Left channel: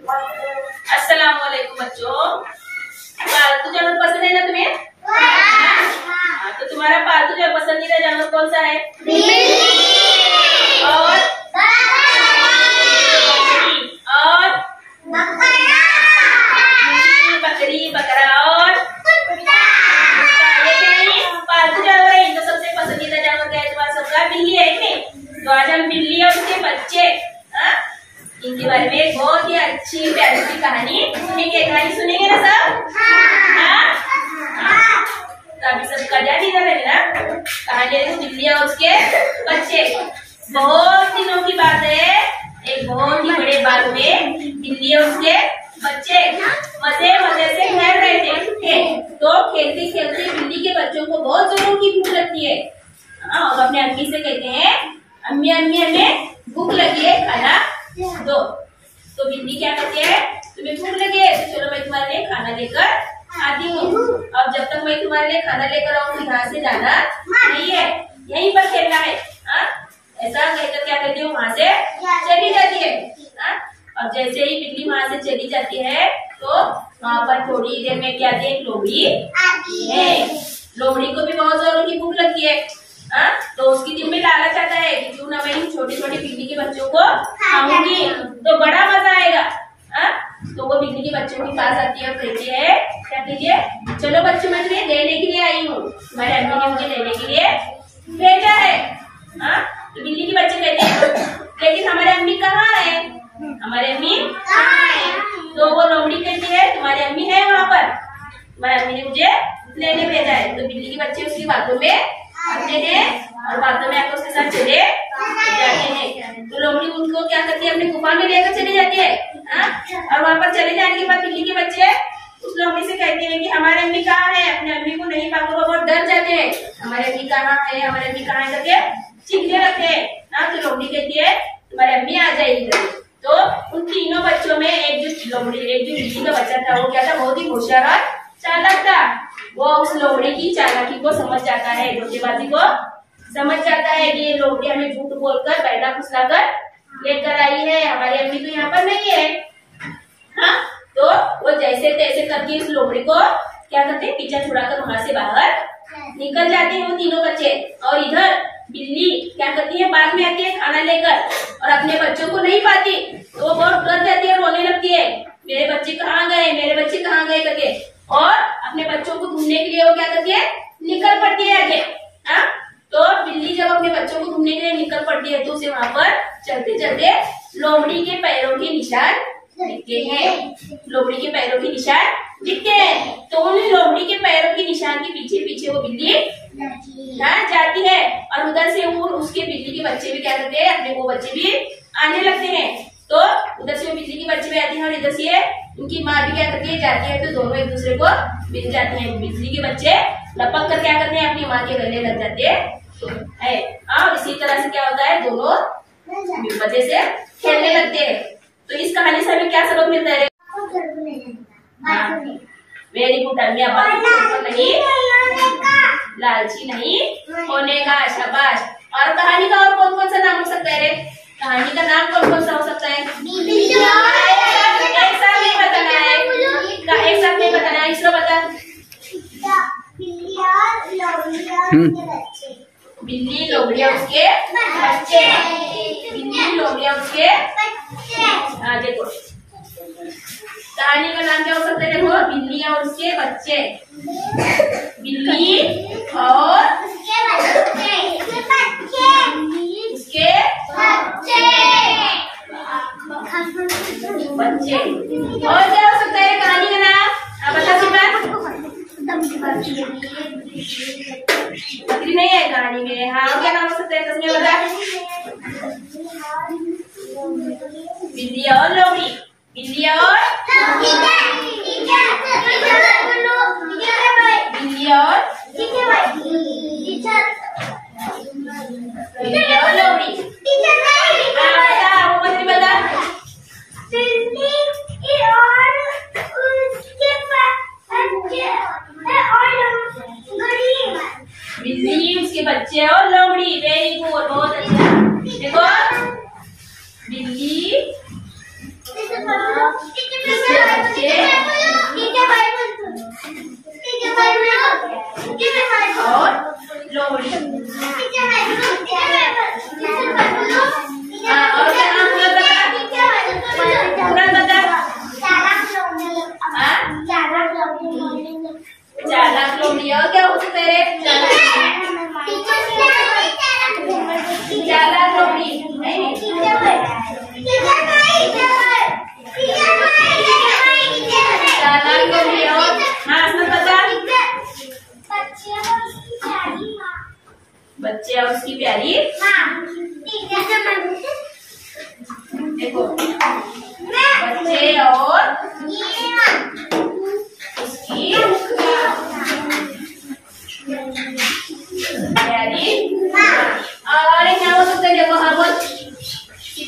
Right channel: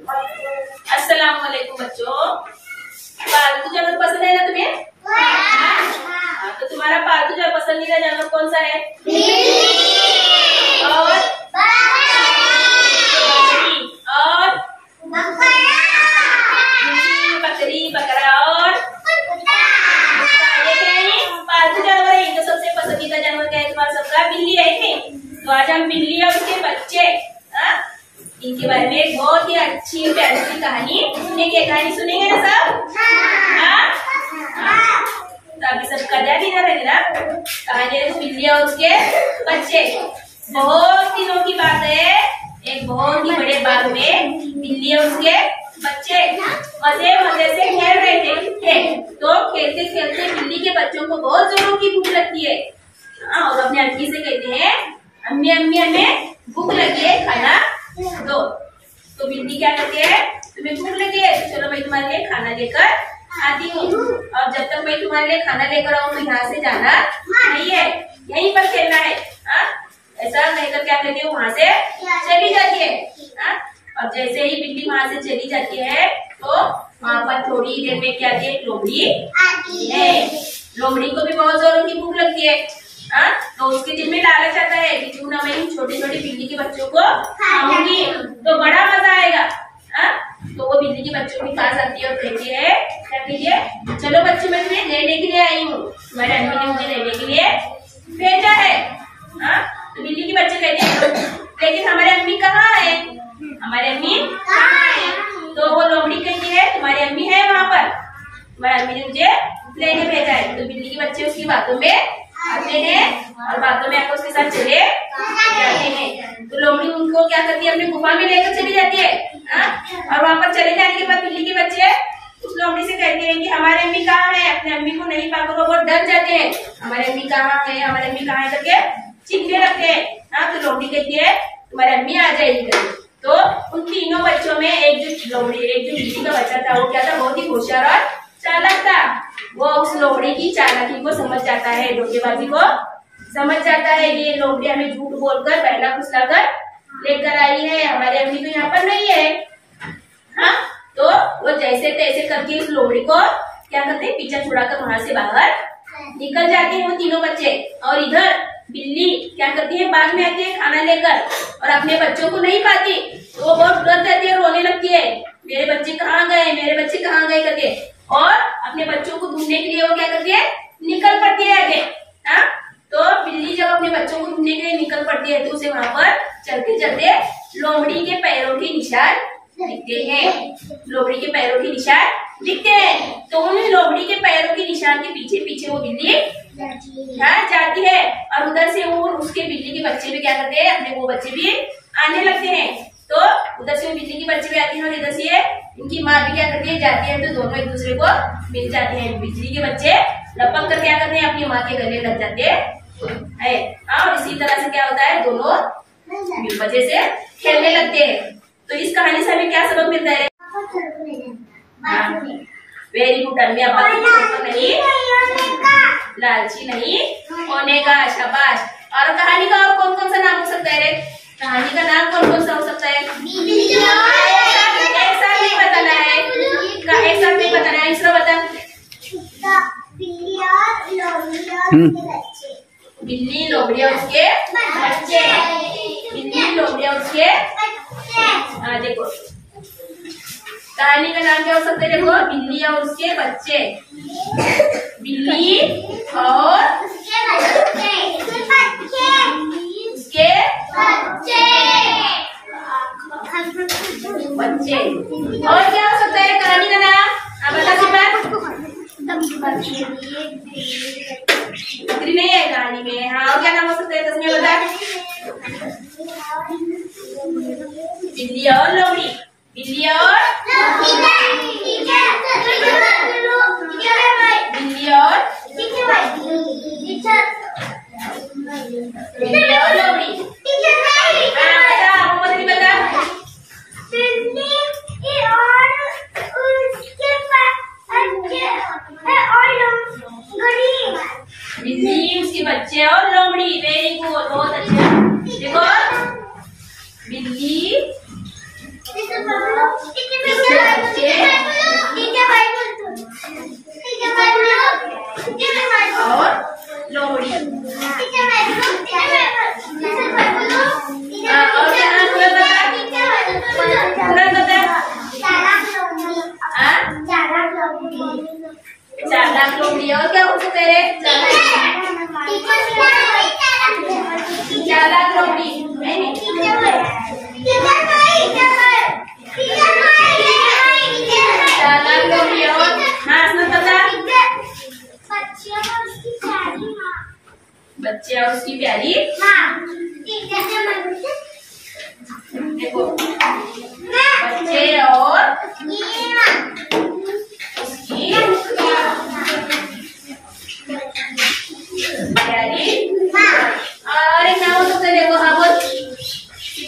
अस्सलाम वालेकुम बच्चों। पालतू जानवर पसंद है ना तुम्हें? हाँ, तो तुम्हारा पालतू जो पसंदीदा जानवर कौन सा है? और बकरी, बकरा और ये पालतू जानवर है। इनका सबसे पसंदीदा जानवर क्या है तुम्हारा सबका? बिल्ली है कि? तो आज हम बिल्ली और उसके बच्चे इनके बारे में एक बहुत ही अच्छी प्यारी सी कहानी सुनेंगे। कहानी सुनेंगे ना सब? हाँ? तो अभी सब कजा दी जा रही ना। कहानी है बिल्ली और उसके बच्चे। बहुत दिनों की बात है, एक बहुत ही बड़े बाग में बिल्ली और उसके बच्चे मजे मजे से खेल रहे थे। तो खेलते खेलते बिल्ली के बच्चों को बहुत जोरों की भूख लगती है। और अपने अम्मी से कहते हैं, अम्मी अम्मी हमें भूख लगी है, खाना दो। तो बिल्ली क्या कहती है, तुम्हें भूख लगी है तो चलो मैं तुम्हारे लिए खाना लेकर आती हूँ। और जब तक मैं तुम्हारे लिए खाना लेकर आऊँ तो यहाँ से जाना नहीं है, यहीं पर खेलना है। ऐसा कहकर क्या कहती है, वहाँ से चली जाती है। और जैसे ही बिल्ली वहाँ से चली जाती है तो वहाँ पर थोड़ी देर में क्या आती है, लोमड़ी है। लोमड़ी को भी बहुत जोरों की भूख लगती है। तो उसके दिल में लालच आता है कि क्यों ना मैं इन छोटे छोटे बिल्ली के बच्चों को खाऊंगी तो बड़ा मजा आएगा। तो वो बिल्ली के बच्चों के पास आती है और कहती है, क्या कहती है, चलो बच्चे मैं तुम्हें लेने के लिए आई हूँ, तुम्हारे अम्मी ने मुझे लेने के लिए भेजा है। तो बिल्ली के बच्चे कहते हैं, लेकिन हमारे अम्मी कहाँ है, हमारे अम्मी कहाँ है? तो वो लोमड़ी कहती है, तुम्हारी अम्मी है वहाँ पर, तुम्हारी अम्मी ने मुझे लेने भेजा है। तो बिल्ली के बच्चे उसकी बातों में आते हैं और बातों में आकर उसके साथ चले जाते हैं। तो लोमड़ी उनको क्या करती है, अपने गुफा में लेकर चली जाती है। और वहाँ पर चले जाने के बाद बिल्ली के बच्चे उस लोमड़ी से कहते हैं कि हमारे अम्मी कहाँ है। अपने अम्मी को नहीं पाकर वो बहुत डर जाते हैं, हमारे अम्मी कहाँ है, हमारे अम्मी कहाँ है करके चीखने लगते हैं। तो लोमड़ी कहती है, तुम्हारी अम्मी आ जाएगी करके। तो उन तीनों बच्चों में एक जो बिल्ली का बच्चा था, वो क्या था, बहुत ही होशियार और चालाक था। वो उस लोमड़ी की चालाकी को समझ जाता है, धोखेबाजी को समझ जाता है कि ये लोमड़ी हमें झूठ बोलकर बहला फुसलाकर लेकर आई है, हमारी अम्मी तो यहाँ पर नहीं है। तो वो जैसे तैसे करके इस लोमड़ी को क्या करते हैं, पीछा छुड़ाकर वहां से बाहर निकल जाते हैं वो तीनों बच्चे। और इधर बिल्ली क्या करती है, बाग में आती है खाना लेकर और अपने बच्चों को नहीं पाती। तो वो बहुत डर जाती है और रोने लगती है, मेरे बच्चे कहाँ गए, मेरे बच्चे कहाँ गए करके। और अपने बच्चों को ढूंढने के लिए वो क्या करती है, निकल पड़ती है आगे। तो बिल्ली जब अपने बच्चों को ढूंढने के लिए निकल पड़ती है तो उसे वहां पर चलते चलते लोमड़ी के पैरों के निशान दिखते हैं। लोमड़ी के पैरों के निशान दिखते हैं। तो उन लोमड़ी के पैरों के निशान के पीछे पीछे वो बिल्ली जाती है। और उधर से वो उसके बिल्ली के बच्चे भी क्या करते हैं, अपने वो बच्चे भी आने लगते हैं। तो उधर से वो बिल्ली के बच्चे भी आते हैं और इधर से इनकी माँ भी क्या करती है, जाती है। तो दोनों एक दूसरे को मिल जाते हैं। बिल्ली के बच्चे लपक कर क्या करते हैं, अपनी माँ के गले लग जाते हैं। और इसी तरह से क्या होता है, दोनों मजे से खेलने लगते हैं। तो इस कहानी से हमें क्या सबक मिलता है? वेरी गुड अम्मी, नहीं लालची नहीं होने का, शाबाश। और कहानी का और कौन कौन सा नाम हो सकता है रे? कहानी का नाम कौन कौन सा हो सकता है? एक साथ नहीं बताना है, एक साथ नहीं बताना है। इसरा बता। बिल्ली, लोमड़ी और उसके बच्चे। बिल्ली, लोमड़ी और उसके देखो कहानी का नाम क्या हो सकता है, देखो, बिल्ली और उसके बच्चे। बिल्ली और उसके बच्चे। और क्या हो सकता है कहानी का नाम? आप बता बकरी नहीं है कहानी में। हाँ, और क्या नाम हो सकता है? तस्मीर बता। बिल्ली और लोमड़ी। बिल्ली और लोमड़ी। बिल्ली, उसके बच्चे और लोमड़ी। वेरी गुड, बहुत अच्छा। देखो, बिल्ली चालाक लोमड़ी। और हाँ इसमें पता, बच्चे और उसकी प्यारी देखो, बच्चे और उसकी प्यारी। और एक नाम हो सकता है, देखो हाँ बोल,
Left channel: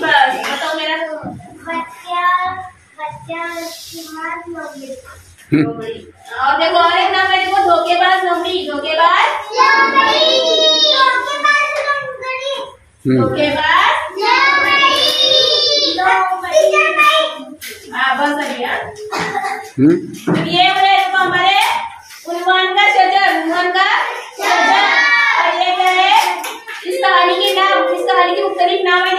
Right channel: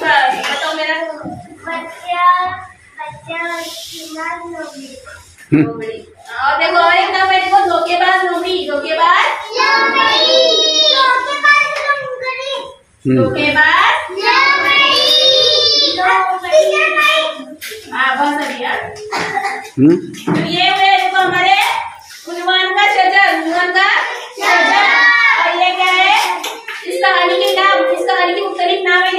बताओ मेरा। लोमड़ी। और देखो और एक नाम है, देखो धोखेबाज लोमड़ी। धोखेबाज धोखेबाज। हाँ बहुत बढ़िया। तो ये हुए देखो हमारे उन्वान का शजर, उन्वान का शजर। और ये क्या है, इस कहानी के नाम, इस कहानी के मुख्तलिफ नाम है।